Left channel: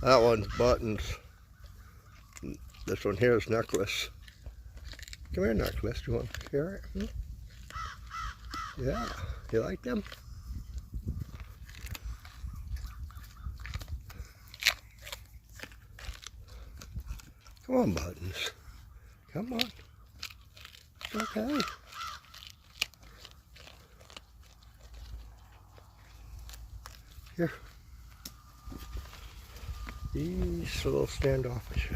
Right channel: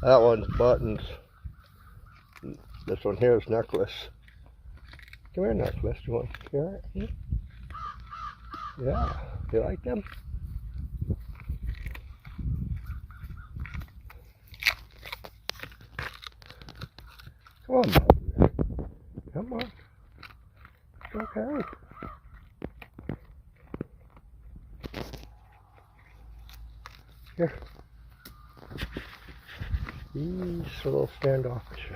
That one's Buttons. This one here is Necklace. Come here, Necklace. Do you want to hear it? Yeah. You like them? Come on, Buttons. Come on. It's okay. Here. He's a little standoffish.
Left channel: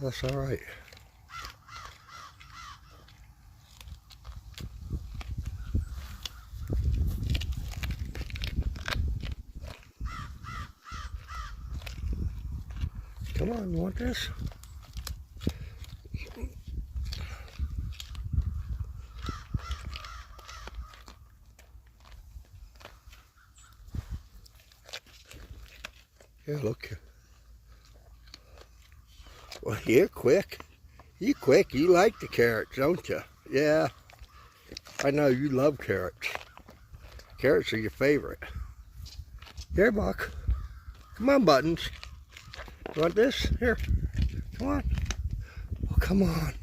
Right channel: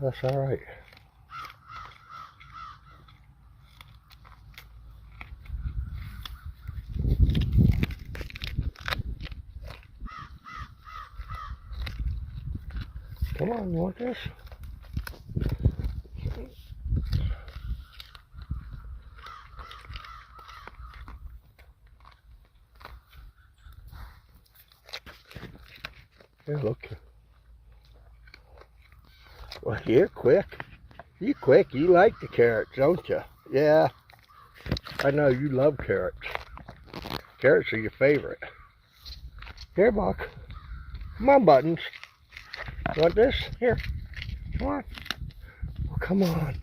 That's all right. Come on, you want this? Yeah, look. Well, you're quick. You quick. You like the carrots, don't you? Yeah. I know you love carrots. Carrots are your favorite. Here, Buck. Come on, Buttons. You want this? Here. Come on. Oh, come on.